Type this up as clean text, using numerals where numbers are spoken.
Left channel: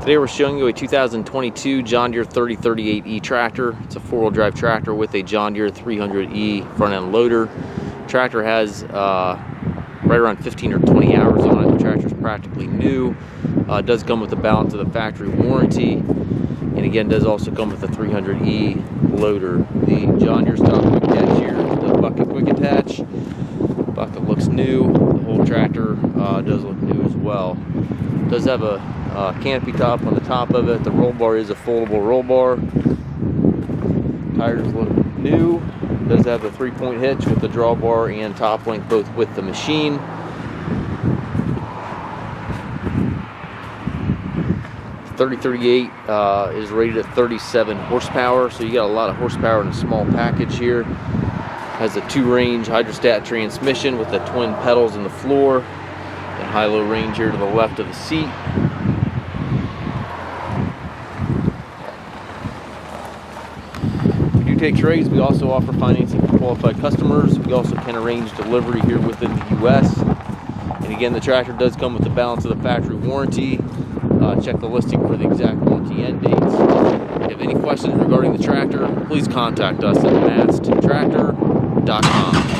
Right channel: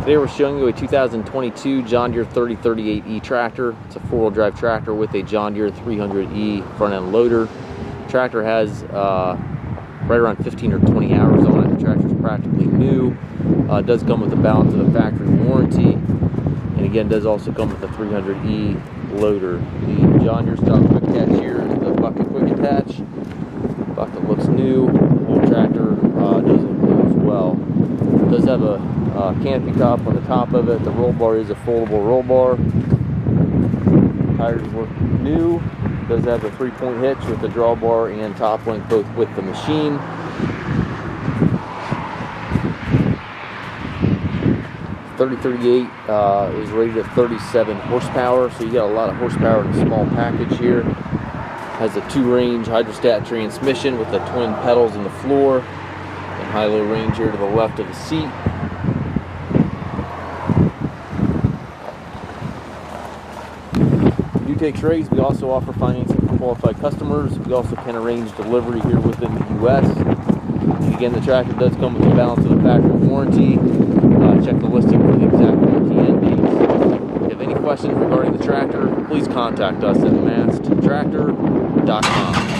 Today we're showing you a 2022 John Deere 3038E tractor. It's a four-wheel drive tractor with a John Deere 300E front end loader. Tractor has right around 15 or 20 hours on it. The tractor's practically new. It does come with the balance of the factory warranty, and again does also come with the 300E loader. The John Deere style quick attach here is the bucket quick attach. Bucket looks new. The whole tractor does look new as well. It does have a canopy top on the top of it. The roll bar is a foldable roll bar. Tires look new. It does have a 3-point hitch with the drawbar and top link both with the machine. The 3038 is rated at 37 horsepower, so you got a lot of horsepower in a small package here. Has a 2-range hydrostat transmission with the twin pedals in the floor and high-low range here to the left of the seat. We do take trades. We also offer financing for qualified customers. We also can arrange delivery here within the U.S. And again, the tractor does come with the balance of the factory warranty. Check the listing for the exact warranty end dates. If you have any questions regarding the tractor, please contact us at masttractor.com.